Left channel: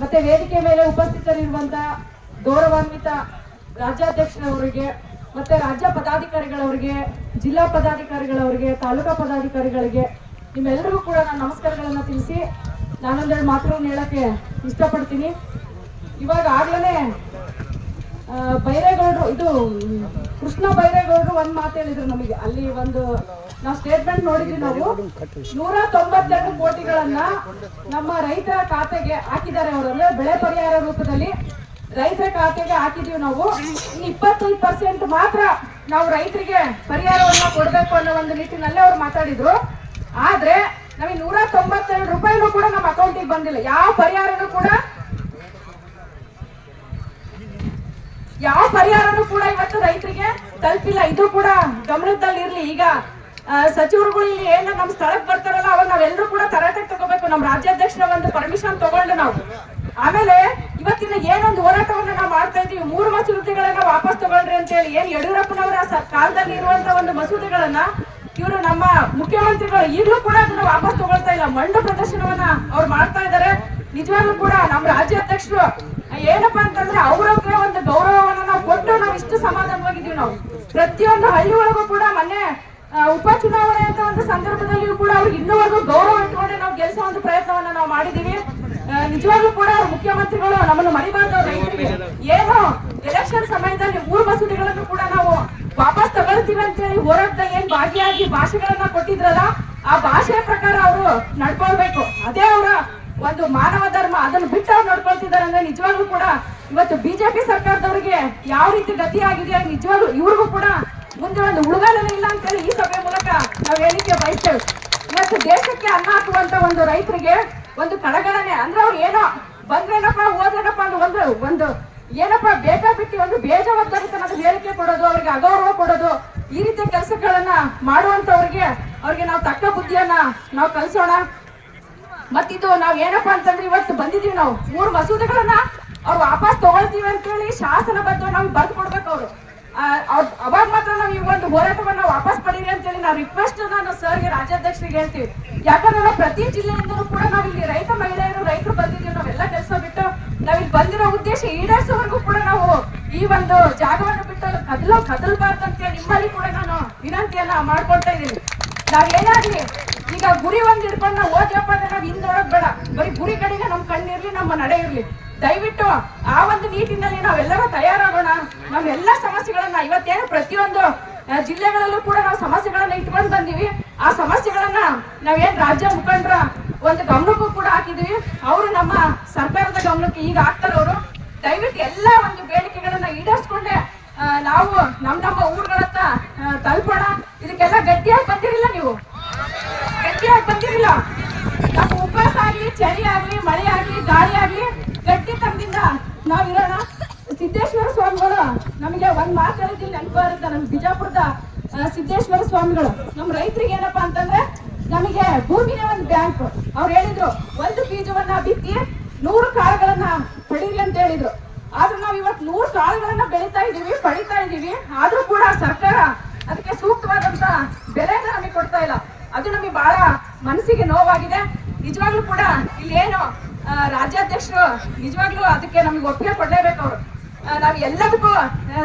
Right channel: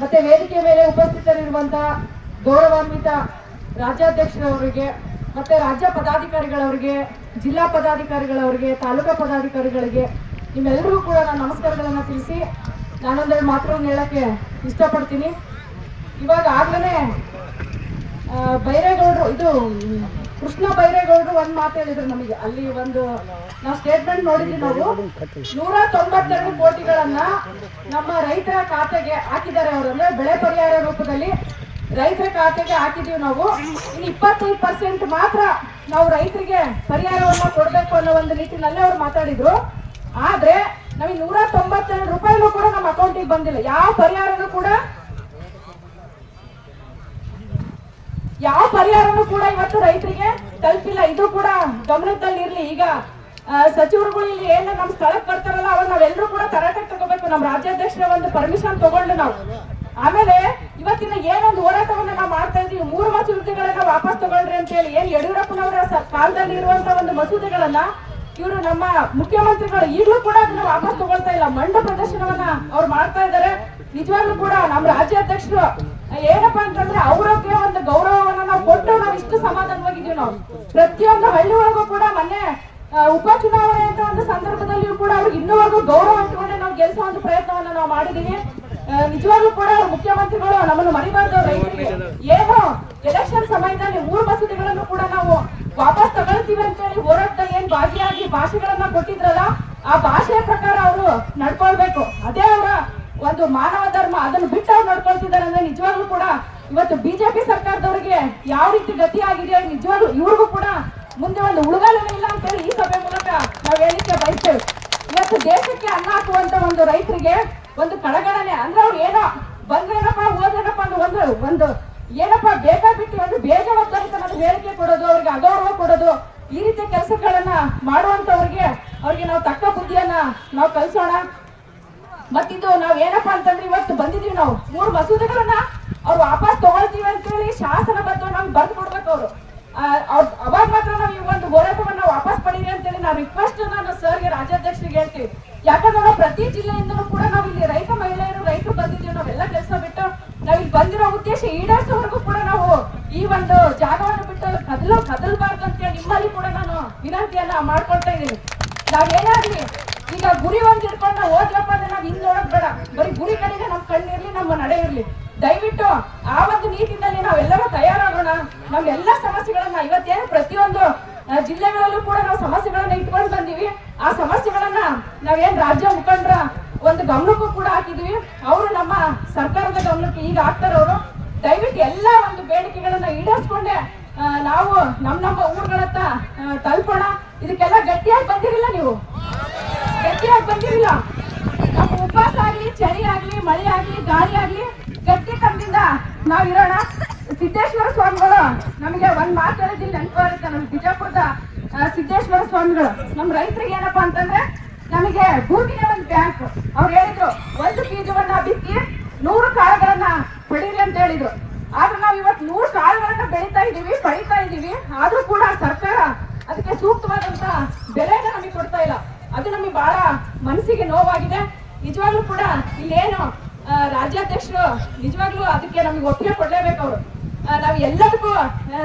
ಮತ್ತೆ ವೇದಿಕೆ ಮೇಲೆ ಉಪಸ್ಥಿತರಿರುವಂತಹ ಗೌರವಾನ್ವಿತ ರಾಜ್ಯಾಧ್ಯಕ್ಷರವರಿಗೆ, ಮತ್ತೆ ರಾಜ್ಯ ಪದಾಧಿಕಾರಿಗಳವರಿಗೆ, ಜಿಲ್ಲಾ ಪದಾಧಿಕಾರಿಗಳವರಿಗೆ, ತಾಲೂಕಾ ಪದಾಧಿಕಾರಿಗಳಿಗೆ ನಿಮ್ಮೆಲ್ಲರಿಗೂ ಕೂಡ ನಾನು ನಮಸ್ಕಾರಗಳನ್ನು ತಿಳಿಸಿ ನಾನೊಂದೆರಡು ಮಾತುಗಳನ್ನ ಹೇಳಕ್ಕೆ ಇಷ್ಟಪಡ್ತೀನಿ. ಇವಾಗ ಆಗ್ಲೇ ಬೈರೇಗೌಡರು, ಇದು, ಕೃಷ್ಣ ಬೈರೇಗೌಡರು ಒಂದ್ ಮಾತು ಹೇಳಿದ್ರು ನಮಗೆ. ಅಲ್ಲಿ ಒಂದು, ನಾವು ಸ್ಟೇಟ್ಮೆಂಟ್ ನೋಡಿದ್ವಿ ನಾವು. ನೂರ ತೊಂಬತ್ತೆರಡು ಕೋಟಿಗಳನ್ನ ನಮ್ಮ ರೈತರ ಖಾತೆಗೆ ಹಾಕಿದ್ದಾರೆ ಅವರು. ಅಂದ್ರೆ ಬೆಳೆ ಪರಿಹಾರ ರೂಪದಲ್ಲಿ ರೈತರ ಖಾತೆಗೆ ಹಾಕಿದೀವಿ ನಾವು. ಇನ್ನು ಇಪ್ಪತ್ತೈದು ಪರ್ಸೆಂಟ್ ಮಾತ್ರ ನಾವು ರೈತರಿಗೆ ಪರಿಹಾರವನ್ನ ಕೊಡ್ಬೇಕು ಅನ್ನೋ ಒಂದು ನಿಟ್ಟಿನಲ್ಲಿ ಅವ್ರು ಮಾತಾಡಿದ್ರು. ಆದ್ರೆ ನಮಗೆ ನೂರ ತೊಂಬತ್ತೆರಡು ರೂಪಾಯಿನೂ ಕೂಡ ನಮ್ಮ ಅಕೌಂಟಿಗೆ ಬಂದಿಲ್ಲ. ಯಾವ ಪರಿಹಾರನೂ ಕೂಡ ಯಾವ ಪರಿಹಾರನೂ ಕೂಡ ಇವತ್ತು ರೈತರಿಗೆ ತಲುಪಿಲ್ಲ. ಇದು ಕೂಡ ಗಮನದಲ್ಲಿ ಇರ್ಲಿ ಈಗ ಸಚಿವರುಗಳು ಇಲ್ಲಿ ಏನ ನಮ್ಮ ಸ್ಥಳಕ್ಕೆ ಬರ್ತಾರಲ್ಲ, ಅವಾಗ ನಾವೆಲ್ಲರೂ ಕೂಡ ತರಾಟಕ್ಕೆ ತಗೋಬೇಕು. ನಮ್ಮ ರಾಜ್ಯಾಧ್ಯಕ್ಷರ ಒಂದು ಪರ್ಮಿಷನ್ ತಗೊಂಡು ನಾವು. ಆಮೇಲೆ ಇವತ್ತಿನ ಏನೊಂದು ಹೋರಾಟವನ್ನ ನಾವು ಮಾಡ್ತಾ ಇದೀವಿ ಮೂರು ಮಸೂದೆಗಳನ್ನ ವಾಪಸ್ ತಗೊಳ್ರಿ ಅಂತ ಹೇಳಿ ಏನ್ ಯಡಿಯೂರಪ್ಪನವರ ಕಾಲದಲ್ಲಿ ಇರುವಂತ ಒಂದು ಮಸೂದೆಗಳನ್ನ ಇವರು ನಮ್ಮ ಮುಖ್ಯಮಂತ್ರಿಗಳು ಈಗಲೂ ಕೂಡ ಅದನ್ನ ವಾಪಸ್ ತಗೊಳ್ತಾ ಇಲ್ಲ. ಮಂಡು ಪ್ರದರ್ಶನವನ್ನ ಅವ್ರು ಮಾಡ್ತಾ ಇದ್ದಾರೆ. ನಿಜವಾಗ್ಲೂ ಕೂಡ ನಮ್ಮ ರಾಜ್ಯಾಧ್ಯಕ್ಷರು ಏನಪ್ಪಾ ಅಂತಂದ್ರೆ ಅವ್ರಿಗೆ ಒಂದು ಗೌರವವನ್ನ ನಾವು ಕೊಟ್ಟು ನಾವು ಇಷ್ಟು ಸಮಾಧಾನವಾಗಿದ್ದೀವಿ ನಾವು. ಪ್ರತಿಯೊಂದು ಹಳ್ಳಿ ಒಳಗೂ ಕೂಡ ಮೊನ್ನೆ ಉಪ ಉಪಚುನಾವಣೆ ಅಂತ ಸಂದರ್ಭದಲ್ಲಿಯೂ ಕೂಡ ಅವ್ರಿಗೆ ಇನ್ನೂವರೆಗೂ ಗೌರವ ಇಟ್ಕೊಂಡೆ ನಾವು ಗೆಲ್ಸೋ ಒಂದು ಪ್ರಯತ್ನವನ್ನ ನಾವು ಮಾಡಿದೀವಿ ನಿಜವಾಗ್ಲೂ ಕೂಡ ಮುಖ್ಯಮಂತ್ರಿಗಳು ನಮ್ಮನ್ನು ಮರಿಬಾರ್ದು ರೈತರಿಗೆ. ಏನು ಎಲೆಕ್ಷನ್ ಸಮಯದಲ್ಲಿ ಮೂರು ಮಸೂದೆಗಳನ್ನು ಕೂಡ ನಾವು ವಾಪಸ್ ತಗೊಳ್ತೀವಿ ಅಂತೇಳಿ ಹೋರಾಟದಲ್ಲಿ ಏನ್ ಭಾಗಿಯಾಗಿ ಭಾಷೆಗಳನ್ನ ಕೊಟ್ಟಿದ್ರಲ್ಲ, ಆ ಭಾಷೆಯ ಪ್ರಕಾರ ಅವರು ನಡ್ಕೊಳ್ಬೇಕು. ಅದೇ ಅವರ ಒಂದು ಮಾನವ ಧರ್ಮ ಅದನ್ನು ಬಿಟ್ಟು ನಡ್ಕೊಳ್ತಿದ್ದಾರೆ ಅಂದ್ರೆ ನಿಜವಾಗ್ಲೂ ಕೂಡ ಇವತ್ತು ಬಿಜೆಪಿ ಸರ್ಕಾರದವರಿಗೆ ಯಾವ ರೀತಿ ಗತಿ ಆಗಿದೆ ನಿಜವಾಗ್ಲೂ ಇವ್ರಿಗೂ ಕೂಡ ಮುಂದೆ ಒಂದು ಉಳುಗಾಲನೇ ಇಲ್ಲ ಅಂತೇಳಿ ಈ ಸಭೆ ಮೂಲಕ ನಾವು ಹೇಳಿಕೆ ಬಯಸ್ತೇವೆ. ಇವತ್ತು ದೇಶಕ್ಕೆ ಅನ್ನ ಹಾಕುವಂತ ಒಂದು ರೈತರಿಗೆ ಒಂದು ಕಡಗಣನೆ ಅಂದ್ರೆ ಅವ್ರು ಏನೋ ಬಂದ್ರೇನಪ್ಪ, ಹೋದ್ರೇನಪ್ಪ ಅಂದ್ರೆ ಒಂದು ಒಂದು ಏನಪ್ಪ ಬೇಕಾಬಿಟ್ಟು ಒಂದು ಬೇಜವಾಬ್ದಾರಿತನದ ಹೇಳಿಕೆ ಕೊಡೋದು, ಅವ್ರಿಗೆ ಅಗೌರವ ಕೊಡೋದು, ಈ ರೀತಿಯ ಕೆಲಸಗಳನ್ನ ಮಾಡುವಂತವ್ರಿಗೆ ಅವ್ರಿಗೆ ನಾವು ತಕ್ಕ ಬುದ್ಧಿಯನ್ನ ನಾವು ಕಲಿಸೋಣ. ಮತ್ತಿದು ನಾವ್ ಏನಪ್ಪಾ ಅಂತಂದ್ರೆ ಇವತ್ತು ಬಂದಿದೀವಿ ನಾವು. ಮೂರು ಮಸೂದೆಗಳನ್ನ ಅವ್ರು ವಾಪಸ್ ತಗೊಳ್ತೀವಿ ಅಂತೇಳಿ ಶಾಸನಬದ್ಧ ನಾವು ಬರ್ದು ಕೊಡ್ಬೇಕು ಅವರು. ಅವಾಗ ಮಾತ್ರ ನಾವು ಈ ಒಂದು ಹೋರಾಟವನ್ನ ವಾಪಸ್ ಪಡೀರಿ ಅಂತೇಳಿ ನಾವು ರಿಕ್ವೆಸ್ಟ್ ನಾನು ಸರ್ಗೆ, ರಾಜ್ಯಾಧ್ಯಕ್ಷರಿಗೆ ಹೇಳ್ತೀವಿ. ಯಾಕಂದ್ರೆ ನಾವು ಪ್ರತಿ ಜಿಲ್ಲೆಯಿಂದಲೂ ಕೂಡ ನಾವು ಇಲ್ಲಿ ರೈತ, ಮಹಿಳೆಯರು, ರೈತರು ಬಂದಿದ್ದೀವಿ. ನಾವೆಲ್ಲ ಕೆಲಸ ಬಿಟ್ಟು ನಾವ್ ಇಲ್ಲಿ ಬಂದಿರೋ ಉದ್ದೇಶ ಈಡೇರಿಸೋವರೆಗೂ ಕೂಡ ನಾವು ಈ ಒಂದು ಜಾಗವನ್ನು ಬಿಟ್ಟು ಕದಲು ಕದಲ್ಬಾರ್ದು ಅಂತ ನಿಮ್ಮಲ್ಲಿ ಕೂಡ ನಾನು ವಿನಂತಿಯನ್ನ ಮಾಡ್ಕೊಳ್ತಾ ಇದ್ದೀನಿ. ನಾವೇನಾಗ್ಲಿ ಈಗ ಗುರಿ ಒಂದ್ ಹಿಡ್ಕೊಂಡು ನಾವು ಹೋದ್ಯಪ್ಪ ಅಂದ್ರೆ ನಾವ್ ಹಿಂದ್ ನೋಡೋದ್ ಬೇಡ. ಬರೀ ಗುರಿ ಕಡೆಗೆ ನಮ್ ಕಣ್ಣಿರ್ಲಿ ನಮ್ಮ ನಡೆ ಇರ್ಲಿ. ದಯವಿಟ್ಟು ಆ ಒಂದು ನಿಟ್ಟಿನಲ್ಲಿ ನಾವೆಲ್ಲರೂ ತಯಾರಾಗೋಣ. ನಾವೆಲ್ಲ ಸಮಸ್ಯೆಗಳನ್ನ ಇವತ್ತೇನು ಪ್ರತಿಯೊಂದು ಜಿಲ್ಲೆಗಳಲ್ಲೂ ಕೂಡ ನಾವು ಸಮಸ್ಯೆಗಳನ್ನ ಇಟ್ಕೊಂಡು ಬಂದೀವಿ. ಆ ಸಮಸ್ಯೆಗಳನ್ನ ನಾವೇನ್ ರಾಜ್ಯ ಮುಖಂಡರ ಒಂದು ಗಮನಕ್ಕೂ ಕೂಡ ಹಾಕಿದೀವಿ. ಅವರು ನಮ್ಮ ಸರ್ಕಾರದ ಗಮನಕ್ಕೆ ಈಗ ಹಾಕ್ತಾರೆ ಅವರು. ದಯವಿಟ್ಟು ಎಲ್ಲ ಒಂದು ಬೇಡಿಕೆಗಳನ್ನ ಈಡೇರಿಸ್ಕೊಂಡೆ ನಾವು ನಮ್ಮ ನಮ್ಮ ಊರುಗಳತ್ತ ತಲುಪೋಣ. ಇದಕ್ಕೆಲ್ಲ ಗಟ್ಟಿಯಾಗಿ ಬಂದಿರಲಿಲ್ಲ ನೀವು. ಗಟ್ಟಿಯಾಗಿ ಬಂದಿರಲಿಲ್ಲ ನಮ್ಮ ಉಪವಾಸ ಆಗ್ಲಿ, ಚಳಿ ಆಗ್ಲಿ, ಮಳೆ ಆಗ್ಲಿ, ಗಾಳಿ ಆಗ್ಲಿ, ಗಟ್ಟಿ ತಮ್ಮದಿಂದ ನಾವ್ ಇರೋಣ. ಸಿದ್ದೇಶ್ವರ ಸ್ವಾಮಿಗಳು, ನಮಗೆ ಒಂದ್ ಮಾತು ಹೇಳಿದ್ರೆ ನೆನಪು ಬರುತ್ತೆ ನಮ್ ಬಿಜಾಪುರದ ಸಿದ್ದೇಶ್ವರ ಸ್ವಾಮಿಗಳು. ನಮ್ ರೈತರಿಗೆ ಏನಪ್ಪಾ ಅಂತಂದ್ರೆ, ನಮಗೆ ಭೂಮಿನೇ ಒಂದು ಬ್ಯಾಂಕ್ ಅವ್ರು ಹೇಳಿದ್ರು, ಒಂದು ಬೀಜವನ್ನ ಬಿತ್ತಿ ನೂರು ಕಾಳುಗಳನ್ನ ಪಡೀರಿ ಅಂತ ಹೇಳಿದ್ರು. ಆದ್ರೆ ನಾವ್ ಇವತ್ತು ನೂರು ಕಾಳುಗಳನ್ನ ಬೆಳೀತಾ ಇದೀವಿ ಪಡಿತಾ ಇದೀವಿ. ಆದ್ರೂ ಕೂಡ ಸರ್ಕಾರ ಅದಕ್ಕೆ ಸೂಕ್ತವಾದಂತ ಬೆಲೆನ ನಮಗೆ ಕೊಡ್ತಾ ಇಲ್ಲ. ಅದು ನಮಗೆ ಬಹಳ ಮನಸ್ಸಿಗೆ ನೋವಾಗಿದೆ. ನಿಜವಾಗ್ಲೂ ಕೂಡ ಇಲ್ಲೇನು ರಾಜ್ಯಾಧ್ಯಕ್ಷರು ನಿಜವಾಗ್ಲೂ ಅದಕ್ಕೆ ನಮಗೆ ಒಪ್ಪಿಗೆ ಕೊಡಲೇಬೇಕು ಅವರು. ನಾವು ಎಲ್ಲದಕ್ಕೂ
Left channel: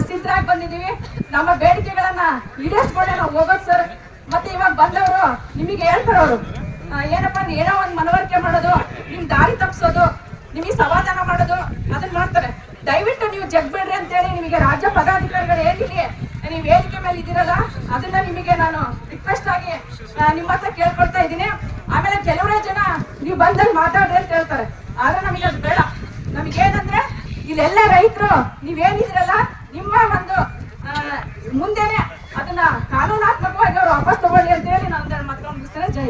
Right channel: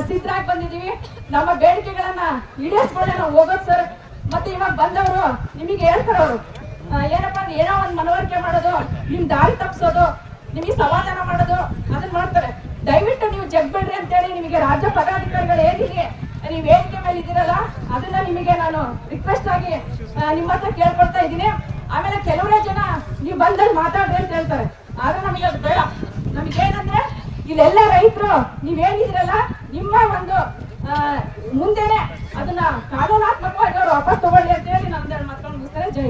ಸಿದ್ಧರಾಗಿ ಬಂದಿದ್ದೀವಿ. ನಮ್ಮ ಬೇಡಿಕೆಗಳನ್ನ ಈಡೇರಿಸ್ಕೊಂಡೆ ನಾವು ಹೋಗೋದು ಸರ್. ಮತ್ತೆ ಇವಾಗ ಬಂದವರು ನಿಮಗೆ ಹೇಳ್ತಾರೆ ಅವರು. ಏನಪ್ಪ, ಏನೋ ಒಂದು ಮನವರಿಕೆ ಮಾಡೋದು, ನಿಮ್ ದಾರಿ ತಪ್ಪಿಸೋದು, ನಿಮಗೆ ಸಮಾಧಾನ ಮಾಡೋದು ಅದನ್ನ ಮಾಡ್ತಾರೆ. ದಯವಿಟ್ಟು ನೀವು ಜಗ್ಬೇಡ್ರಿ ಅಂತೇಳಿ ನಿಮಗೆ ರಾಜ್ಯ ಪದಾಧಿಕಾರಿಗಳು ಏನಿದೆ ನೀವು ವೇದಿಕೆ ಮೇಲೆ ಇದ್ದೀರಲ್ಲ, ಅದನ್ನ ನಿಮಗೆ ನಾನು ರಿಕ್ವೆಸ್ಟ್ ಆಗಿ ನಿಮ್ಮ ಹತ್ರ ಕೇಳ್ಕೊಳ್ತಾ ಇದ್ದೀನಿ. ಆಮೇಲೆ ಕೆಲವರೇ ಜನ ನೀವು ಬಂದಲ್ಲಿ ಮಾತಾಡ್ರಿ ಅಂತ ಹೇಳ್ತಾರೆ. ಆದ್ರೆ ನಮಗೆ ಅದು ಬೇಡ. ನಮಗೇನಂದ್ರೆ, ಇಲ್ಲೆಲ್ಲ ರೈತರು ನೀವೇನಿದ್ರಲ್ಲ ನಿಮ್ಮ ಒಂದು ಮುಂದೆನೆ ಅದನ್ನ ಕಾನೂನಾತ್ಮಕವಾಗಿ ಅವ್ರು ವಾಪಸ್ ತಗೊಳ್ಳಿ ಅಂತ ಹೇಳಿ ನಾನು ಮುಗಿಸ್ತಾರೆ ಜೈ.